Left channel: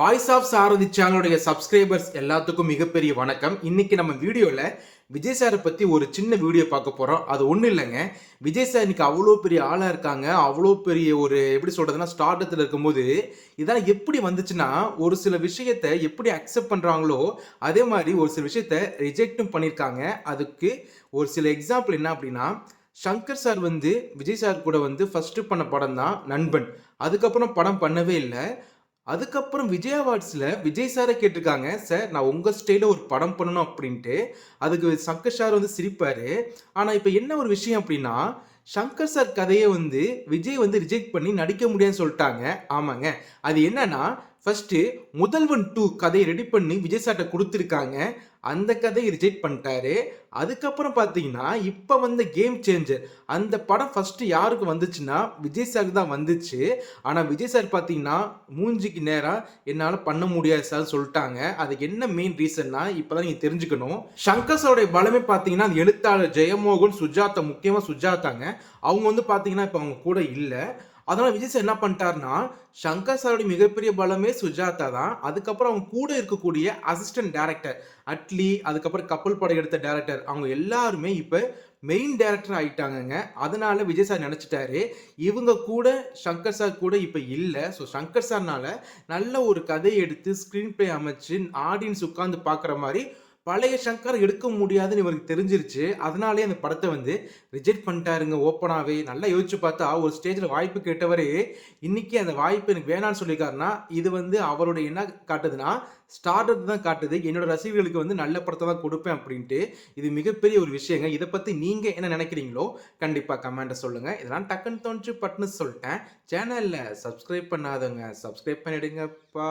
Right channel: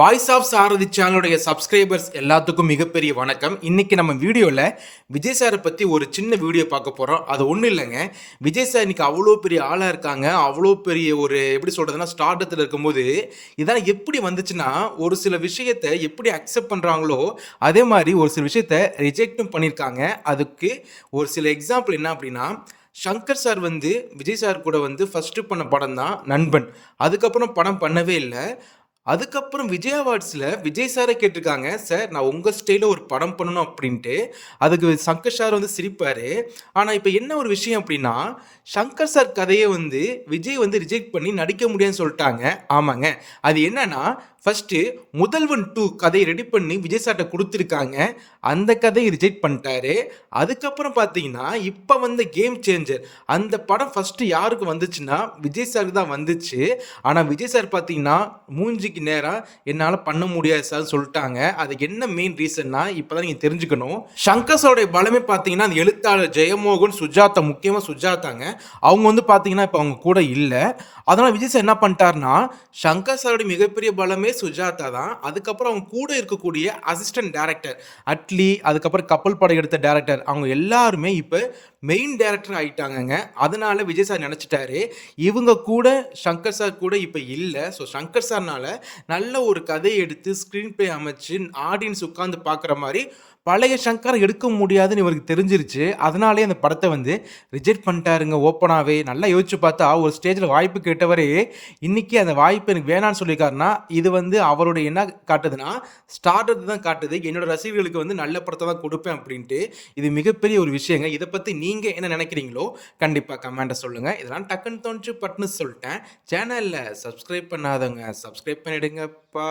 Voice of சாரதி சேனலுடைய subscribers எல்லாத்துக்கும் மிகப்பெரிய வணக்கம். இன்றைக்கி நம்ம வீடியோவில் விஜய் சாரை பற்றி ஒரு சின்ன வீடியோ பார்க்க போகிறோம் அது ஒன்றும் இல்லைங்க. விஜய் சார் இன்றைக்கி அவ்வளோ பெரிய ஆளாக இருக்காங்க. அவ்வளோ பெரிய ஒரு எப்படி சொல்கிறதுனா ஸ்டார்டத்தில் இருக்கும்போது இதெல்லாம் எப்படி வந்துச்சுன்னா ஒரு சில விஷயத்தை எப்படி அக்செப்ட் பண்ணுறாங்களோ அதே மாதிரி ஒரு சில விஷயத்தை ரிஜெக்டும் பண்ணியிருக்காங்க அதுக்கு ஒரு சில எக்ஸாம்பிள் என்ன அப்படின்னா சங்கர் சார் வந்து விஜய் சார் கூட வந்து ஃபஸ்ட்டு பண்ண படம் தான் நண்பன். அதுக்கப்புறம் படம் பண்ணவே இல்லை. அதுக்கப்புறம் விஜய் அவார்ட்ஸில் விஜய் சாரை கேட்டிருக்காங்க சார் நான் உங்கள் ஸ்டைலில் ஒரு படம் பண்ணணும் அப்படின்ட்டு. அதுக்கு சங்கர் சார் வந்து சிரிப்பார். ஆனால் இப்போ என்ன ஒரு விஷயம் அப்படின்னா சங்கர் சார் கதையை வந்து விஜய் வந்து ரிஜெக்ட் பண்ணி நடிக்க முடியாதுன்னு சொல்லிட்டாங்க. ஆமாங்க. அது என்னன்னா ஃபஸ்ட்டு முதல்வன் டூ கதையை ரெடி பண்ணி விஜய் சார்ட்ட கொடுத்துருக்காங்க. அந்த கதையை ரிஜெக்ட் பண்ணிட்டாரு. அதுக்கப்புறம் பார்த்தீங்கன்னா இப்போ வந்த கேம் சேஞ்சர் அந்த படம் ஃபஸ்ட்டு யாருக்கு வந்துச்சுன்னா விஜய் சாருக்கு தான் வந்துச்சு. ஆனால் விஜய் சார் பார்த்தீங்கன்னா மூஞ்சிக்கு நேராக என்னால் பண்ண முடியாது சார் சொல்லிட்டாங்க. அதுக்கு என்ன மெயின் ரீசன்னா இப்போ தான் நீங்கள் தெரிஞ்சுக்கணும். சங்கர் சாருடைய பலமே பார்த்தீங்கன்னா அந்த எழுத்தாளர் ஜெயமோகன் சுஜாதா முக்கியமாக சுஜாதாங்க. அவங்க வந்து பார்த்தீங்கன்னா இப்போ அவங்க கூட இல்லை. அதனால் விஜய் சார் என்ன பண்ணிட்டாருன்னா சங்கர் சாரோட மிகப்பெரிய பலமே சுஜாதா தான். அதுக்கப்புறம் அவங்க கூட இருக்கக்கூடிய அசிஸ்டன்ட் டேரக்டர் அட்லி அதுக்கப்புறம் கப்பல் படம் எடுத்த டேரக்டர் அவங்க எல்லாருமே இப்போ மெயின் டேரக்டர் ஆகிட்டாங்கங்க அதனால் விஜய் சார் நினச்சிட்டாரு. இவங்க கூட சங்கர் சார் கூட இப்போ இல்லை. ஸோ சங்கர் சார்னால் நல்ல ஒரு கதையை எடுத்து ஸ்க்ரீன் ப்ளே அமைச்சு ஆடியன்ஸ் உட்காந்து பார்க்குற மாதிரி பழைய சங்கர் எடுக்க முடியாதுன்னு இவருக்கு தெரிஞ்சிருச்சு. அதனாலே அந்த படத்தை வந்து ரிஜெக்ட் பண்ணிட்டாருங்க ஓப்பனாகவே நல்லா யோசிச்சு பார்த்தா ஒரு ஸ்டேஜில் வாய்ப்பு கேட்டவரே இன்றைக்கி அந்த வாய்ப்பு எனக்கு வேணான்னு சொல்லியிருக்காருன்னா இது வந்து அவருடைய என்ன காட்டுதுன்னா ஸ்டார்டர் தான் காட்டுது. என்னோட ரசிகர்களுக்கு வந்து நல்ல படத்தை தான் கொடுப்பேன் அப்படின்ட்டு இது மிகப்பெரிய ஒரு விஷயங்க. இதை பற்றி நீங்கள் என்ன நினைக்கிறீங்களோ கண்டிப்பாக கமெண்ட்டை சொல்லுங்கள் இதெல்லாம் டக்குன்னு தோணுச்சு பட்டுன்னு சொல்லிட்டேன். சேனலில் சப்ஸ்கிரைப் பண்ணாதவங்க சப்ஸ்கிரைப் பண்ணிடுங்கப்பா.